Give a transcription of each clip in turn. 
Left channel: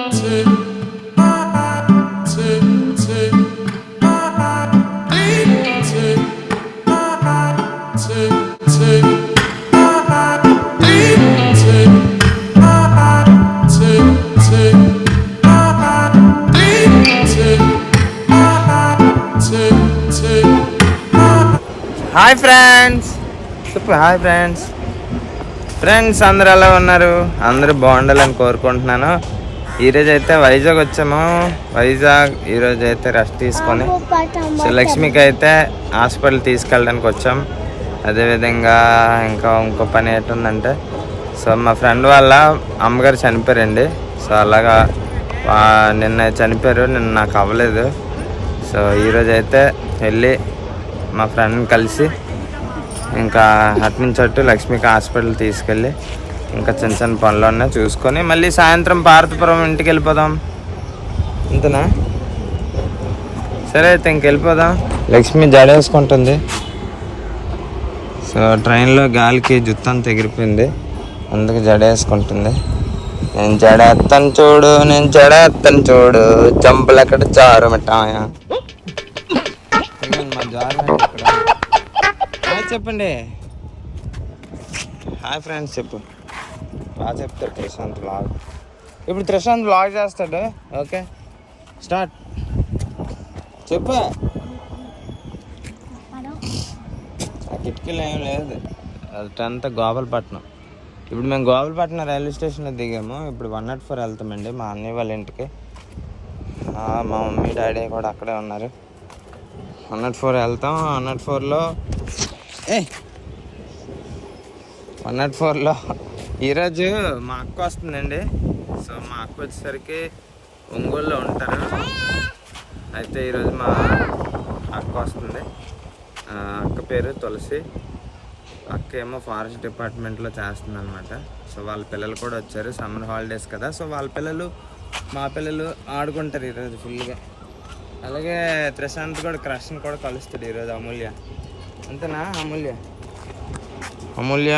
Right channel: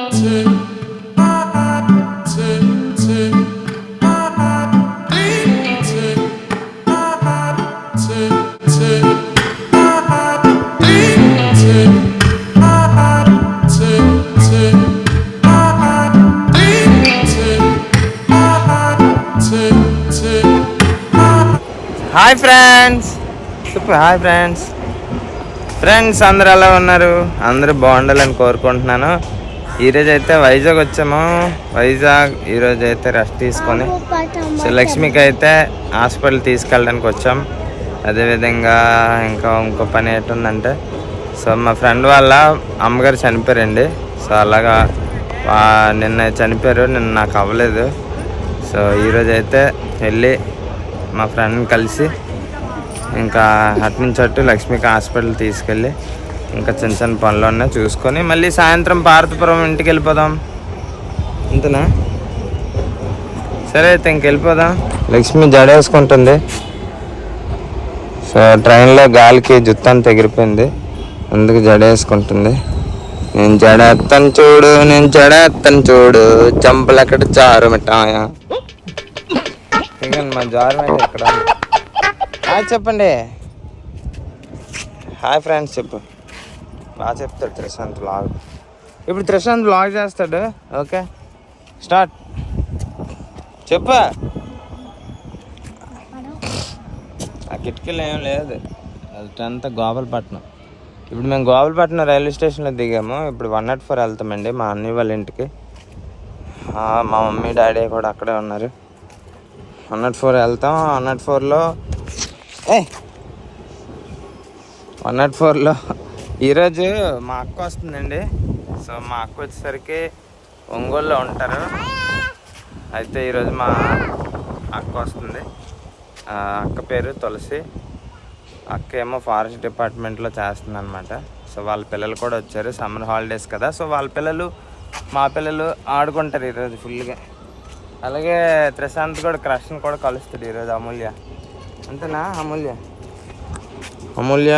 Hi friends, చెప్పు hi friends. Friends అందరూ ఎలా ఉన్నారు? అందరూ బాగుండాలని కోరుకుంటున్నాను. ఈరోజు అయితే వైజాగ్ వచ్చాము. వైజాగ్ ఈరోజు అయితే రెస్ట్ తీసుకొని సో లక్ష్మికి అయితే హాస్పిటల్ తీసుకెళ్ళడానికి వచ్చాం. అదేవిధంగా ఇంకో పని ఏంటుందంటే సో మా ఫ్రెండ్ వాళ్ళ అమ్మగారు చనిపోయారండి. సో అలాగా నిన్న చనిపోయారు, నిన్న నాకు అవ్వలేదు. సో ఈరోజు అయితే వెళ్ళి మా ఫ్రెండ్ని కలిసి ఇంకా అటు అటు లక్ష్మికి హాస్పిటల్ తీసుకెళ్ళి ఇంకా చిన్న చిన్న పనులు ఉన్నాయి చూసుకొని మళ్ళీ సాయంత్రం పార్వతీపురం ఇంటికి వెళ్ళిపోదాం. అంతేనా? సరే అయితే ఇంకెళ్ళిపోదాం. లక్ష్మి జడేసుకుంటుంది. సో ట్రైన్లో గాలికి జుత్తంతా ఎగిరిపోయింది, అందుకు జడేసుకుంటుంది. నేను జడేస్తాను చూడు, నేను జడేస్తాను చూడు, చెంపలు అక్కడ చారు మిఠాయా. మా జారు ఇక్కడ హాయ్ చెప్పండి. హాయ్ ఫ్రెండ్స్ చెప్పు. బాగా చెప్తాడు త్రిశాంత్ వ్లాగ్. ఇప్పుడు త్రిశాంత్ వ్లాగ్ చేస్తాడు. Okay start. చెప్పు. ఆ కిటికీలో ఏం లేదు, అదంతా గోపాలపట్నం. ఇప్పుడు మేము గోపాలపట్నం రైల్వే స్టేషన్లో దిగాము. ఇప్పుడు 104 వెళ్తామండి మా అన్నయ్య వాళ్ళ ఇంటికి. మా మమ్మీ డాడీ కూడా అక్కడే ఉన్నారు. 104 వెళ్తాం. 104లో ఈరోజు మా అక్క వస్తుందండి. సో మా అక్క వచ్చేసరికి ఒంగోలులో ఉంటారు. అయితే ఈరోజు మా అక్క వస్తుంది. అక్క పేరు తులసి. అక్క ఏమో ఫారెస్ట్ డిపార్ట్మెంట్లో చేస్తుంది అనమాట. సో వాళ్ళ పిల్లలు కూడా వచ్చారు, సమ్మర్ హాలిడేస్ కదా. సో వాళ్ళ పిల్లలు మా పిల్లలు ఆడుకుంటారు ఈరోజు ఫుల్గా. అలాగే త్రిశాంత్ కూడా క్రష్ని కూడా కలుస్తాడు ఈరోజు. అమూల్య అంతేనా? అమూల్య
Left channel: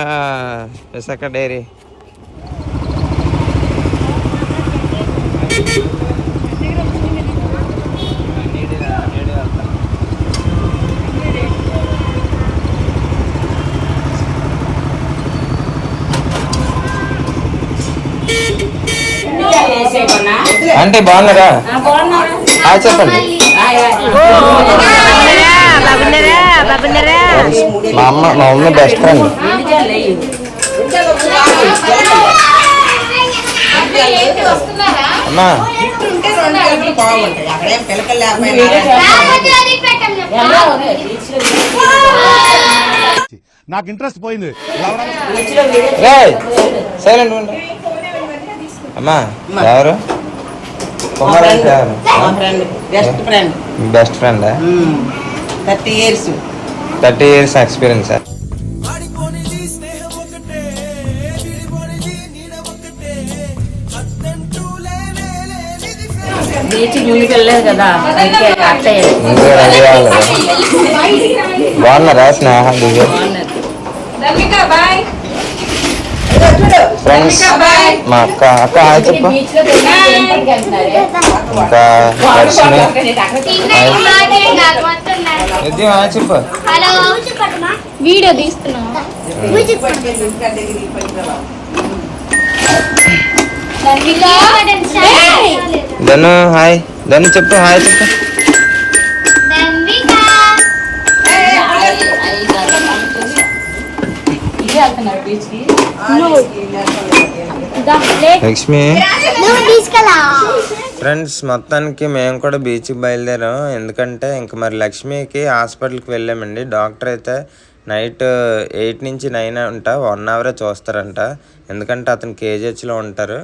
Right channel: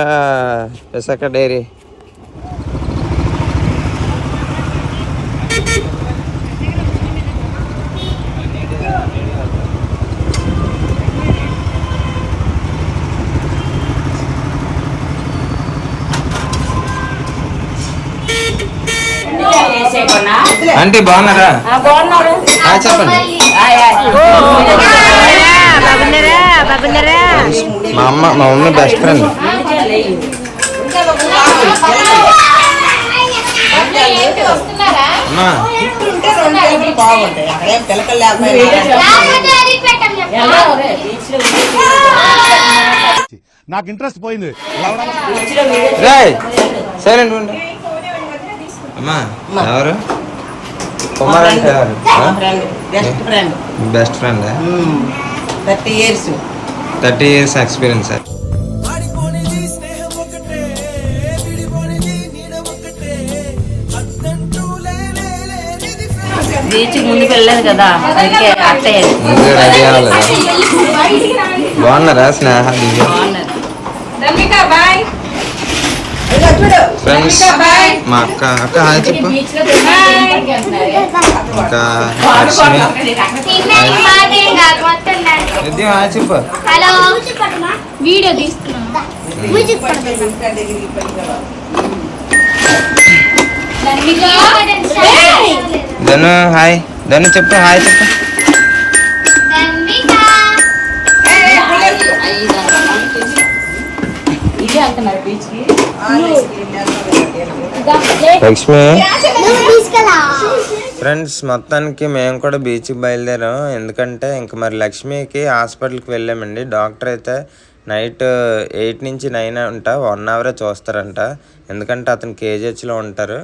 విశాఖ డైరీ. ఆంటీ బాగున్నారా? చెప్పండి. మా మమ్మీ బెస్ట్ ఫ్రెండ్. అమ్మా నాకు ఇంట్రెస్ట్ పోయింది. సైలెంట్ ఉండు. అమ్మా ఎవరు? కుమార్ అంటే ఎవరు? Best friend. 30 years experience. Ready అవ్వలేదా? బాగున్నారా స్నేహ దివ్య ఫ్రెండ్స్? మా అక్క హాయ్ చెప్పు. ఇంకా దర్శిని హాయ్ చెప్పు. ధను హాయ్. ధను చెప్పు హాయ్ చెప్పు. లక్ష్మి ఫ్రెండ్స్ మొత్తానికి మేము కూడా బీచ్కి బయలుదేరాం. ఎందుకంటే ఇంక మరి లక్ష్మికి హాస్పిటల్కి వెళ్ళామండి. డాక్టర్ అయితే నైట్ 8 నుంచి 9 అంట, 1 అవరే చూస్తారంట. ఎందుకంటే అతను కేజీహెచ్లో ఉంటారు.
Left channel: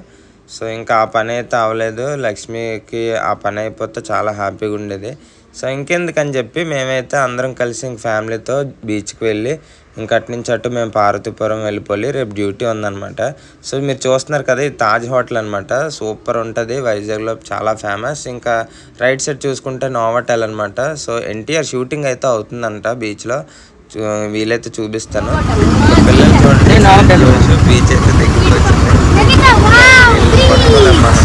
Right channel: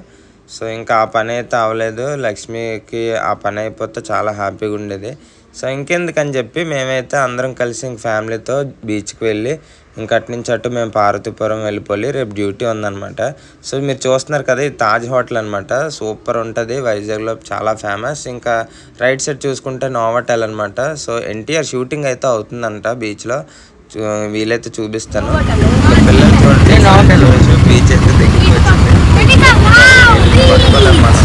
సో ఇంకా ఆ పని అయితే అవ్వలేదు. లక్ష్మికి ఆ పని అయిపోతే చాలా హ్యాపీగా ఉండేది. సో ఇంకెందుకని చెప్పి మేమైతే అందరం కలిసి ఇంక ఫ్యామిలీతో బీచ్కి వెళ్ళి ఇంకా అటు నుంచి అటు మేము పార్వతీపురం వెళ్ళిపోయి రేపు డ్యూటీ ఉందన్నమాట. సో మీరు చూస్తున్నారు కదా, ఇది తాజ్ హోటల్ అనమాట. సూపర్ ఉంటుంది, వైజాగ్లో చాలా ఫేమస్. ఇంకా రైట్ సైడ్ చూసుకుంటే నోవాటెల్ అనమాట. సో ఎన్టీఆర్ షూటింగ్ అయితే అవుతుందంట బీచ్లో. వీలైతే చూపిస్తాను. ఇంకా పిల్లలు చూడండి, బీచ్ అయితే దగ్గరికి వచ్చింది. పట్టుకోలేము మనం.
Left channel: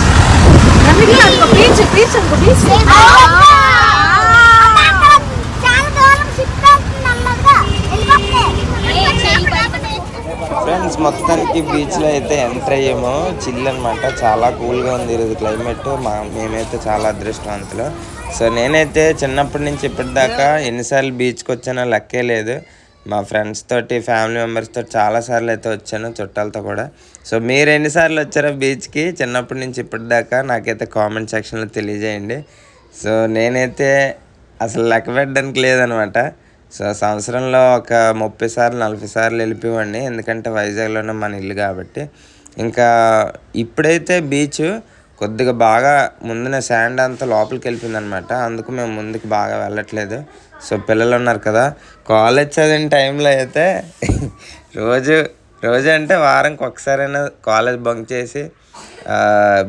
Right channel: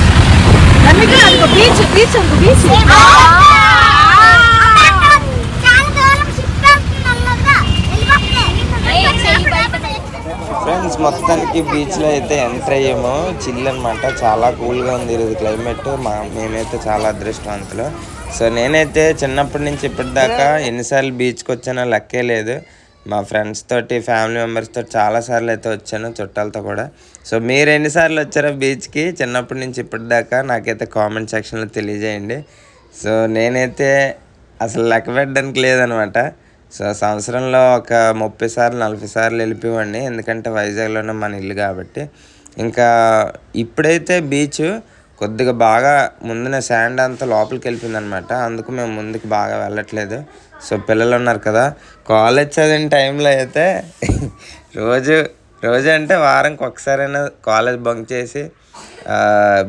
ఫ్రెండ్స్ మొత్తానికి బీచ్లో అయితే ఎంటర్ అయ్యాము. చిల్ అనమాట, చాలా కూల్గా ఉంది ఈరోజు క్లైమేట్. మేమైతే చాలా అదృష్టవంతులు. సో నేనైతే చిన్నప్పటి నుంచి ఇప్పటిదాకా ఎన్నిసార్లు బీచ్కి వచ్చానో లెక్కే లేదు. మా ఫ్రెండ్స్ తోటి, ఫ్యామిలీ మెంబర్స్ తోటి చాలాసార్లు అయితే వచ్చాను, చుట్టాలతో కూడా. సో మీరు ఎన్నిసార్లు వచ్చారో బీచ్కి చిన్నప్పటి నుంచి ఇప్పటిదాకా నాకైతే కామెంట్ సెక్షన్లో తెలియజేయండి. సో నేనైతే అసలు లెక్క పెట్టడానికి లేదనమాట. సో సంవత్సరంలో ఒక 30 సార్లు 40 సార్లు వెళ్ళిపోయేవాడిని, ఎందుకంటే వైజాగ్లోనే మన ఇల్లు కాబట్టి. ఇంకా ఇప్పుడైతే బీచ్ కొద్దిగా బాగా ముందున శాండ్ అంతా లోపలికి వెళ్ళిపోయింది అనమాట. అందుకు మేము ముందుకు బాగా వెళ్ళట్లేదు. సో పిల్లలు ఉన్నారు కదా, కాలేజ్ చదివిన టైంలో అయితే రోజు అంటే వారానికి ఒకసారైనా కాలేజ్ బంక్ చేసి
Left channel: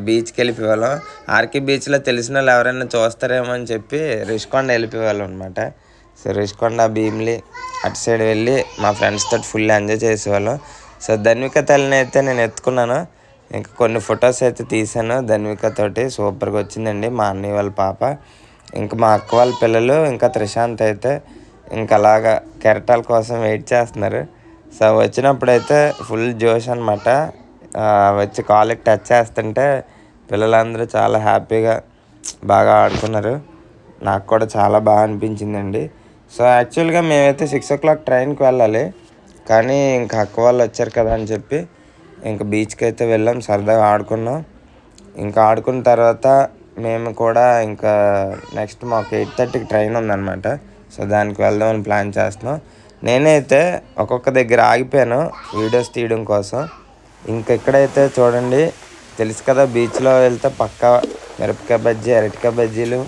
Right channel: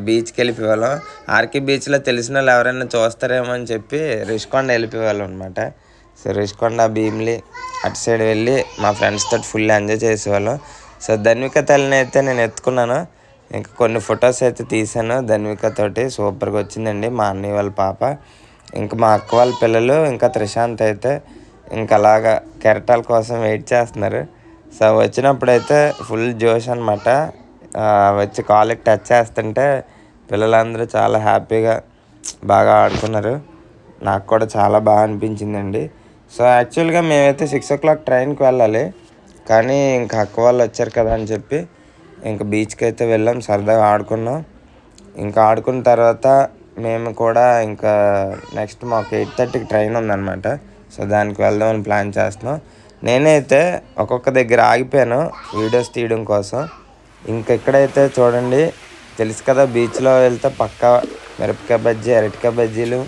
బీచ్కి వెళ్ళిపోయేవాళ్ళం. ఆర్కే బీచ్లో తెలిసిన వాళ్ళు ఎవరైనా చూస్తారేమో అని చెప్పి రిషికొండ వెళ్ళిపోయేవాళ్ళం అనమాట. సో రిషికొండ, భీమిలి అటు సైడ్ వెళ్ళి మా ఫ్రెండ్స్ తోటి ఫుల్ ఎంజాయ్ చేసేవాళ్ళం. సో ధన్విక తల్లిని అయితే నేను ఎత్తుకున్నాను, ఇంకా కొన్ని ఫొటోస్ అయితే తీసాను ధన్విక తోటి. సూపర్గా వచ్చిందండి మా అన్నయ్య వాళ్ళ పాప, ఇంకా మా అక్క వాళ్ళ పిల్లలు, ఇంకా త్రిశాంత్ అయితే ఇంకా అలాగా కెరటాల కోసం వెయిట్ చేస్తున్నారు. సో వచ్చినప్పుడైతే ఫుల్ జోష్ అనమాట. వచ్చి కాళ్ళకి టచ్ చేస్తుంటే పిల్లలందరూ చాలా హ్యాపీగా బాగా ఆడుకున్నారు. నాకు కూడా చాలా బాగా అనిపించిందండి. సో యాక్చువల్గా మేమైతే 6 o'clock ట్రైన్కి వెళ్ళాలి, కానీ ఇంకా అక్క వాళ్ళు వచ్చారు కదా అని చెప్పి ఇంకా బీచ్కి అయితే వెళ్ళాం, సరదాగా ఆడుకున్నాం. ఇంకా ఆడుకున్న తర్వాత మేము కూడా ఇంకా నెక్స్ట్ మాకు 8:30కి ట్రైన్ ఉందన్నమాట. సో దానికి వెళ్దామని ప్లాన్ చేస్తున్నాం. నేనైతే ఒక్కొక్క దగ్గర ఆగిపోయాను వీడియోస్ తీయడం కోసం. ఇంకా ఎక్కడైతే చూడండి, తెలుసు కదా బీచ్లో వెళ్తే పక్కా మిరపకాయ బజ్జీ, అరటికాయ బజ్జీలు,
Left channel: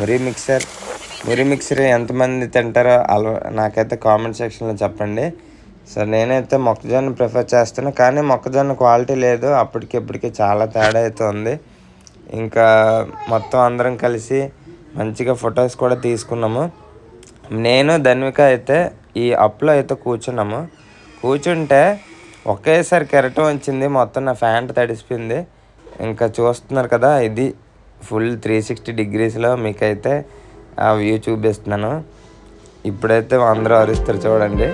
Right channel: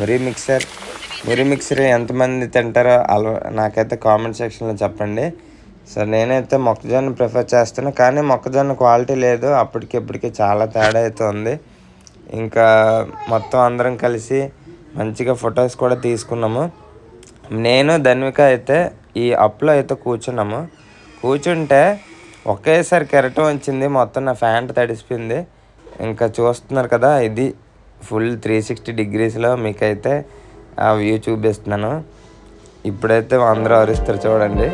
మురి మిక్సర్ ఎంతమంది తింటారో నాకైతే కామెంట్ సెక్షన్లో చెప్పండి. సో నేనైతే మొక్కజొన్న ప్రిఫర్ చేస్తాను, కానీ మొక్కజొన్న క్వాలిటీ లేదు, అప్పటికిప్పటికి చాలా తేడా అయితే ఉంది. ఇంకా మొత్తం అందరం కలిసి మంచిగా ఫొటోస్ కూడా తీసుకున్నాము. నేను ధన్విక అయితే ఈ అప్లో అయితే కూర్చుంటే ఒకేసారి కెరటం వచ్చింది, మొత్తం నా ఫ్యాంట్ తడిసిపోయింది. ఇంకా చూస్తున్నారు కదా, ఇది ఫుల్ 360 degreesలో మీకైతే ఆ వ్యూ చూపిస్తున్నాను. ఇప్పుడైతే అందరూ అరుస్తారు చూడండి.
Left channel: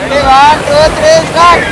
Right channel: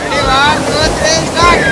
Ready, 1, 2, 3, start.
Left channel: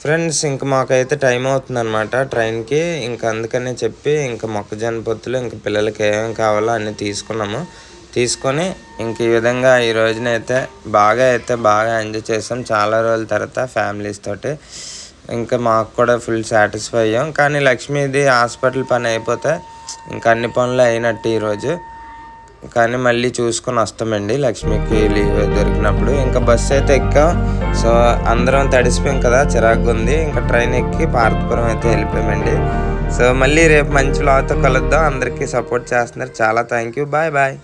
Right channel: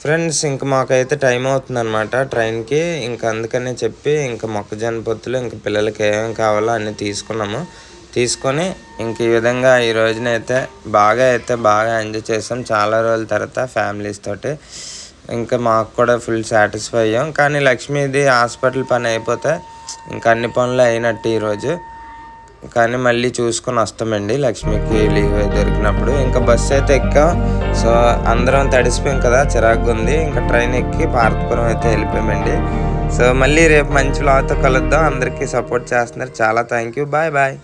ఫ్రెండ్స్ ఇంక మాకైతే టైం అవుతుంది అనమాట ట్రైన్కి. ఇంకా అందుకనే చెప్పి ఇంకా మొక్కజొన్న పొత్తులు ఇంకా పిల్లలకి ఏమేమి కావాలో అన్నీ తీసుకొని ఇంక ఈ విధంగా ఈ రోజునైతే బాగా ఎంజాయ్ చేసాం చాలా రోజుల తర్వాత ఫ్యామిలీస్ తోటి. ఇంకా మాకు కూడా ఫుల్ సాటిస్ఫై అయ్యాం. కానీ లక్ష్మీది హాస్పిటల్ పని అయిపోతే ఇంకా అన్ని పనులు అయినట్టు ఈరోజు. కానీ మళ్ళీ చూసుకొని వస్తామండి లక్ష్మికి లీవ్ దొరికినప్పుడు. ఇంకా బస్సు అయితే ఎక్కాం. సో అందరం తడిసిపోయాం కదా, చిరాకుగా ఉంది. ఇంకా ట్రైన్ ఎక్కి పార్వతీపురం అయితే వెళ్ళిపోయామండి. సో మళ్ళీ రేపు మంచి వ్లాగ్తో కలుద్దాం. అందరికీ సపోర్ట్ చేస్తున్నారు, చాలా థ్యాంక్ యూ. బాయ్.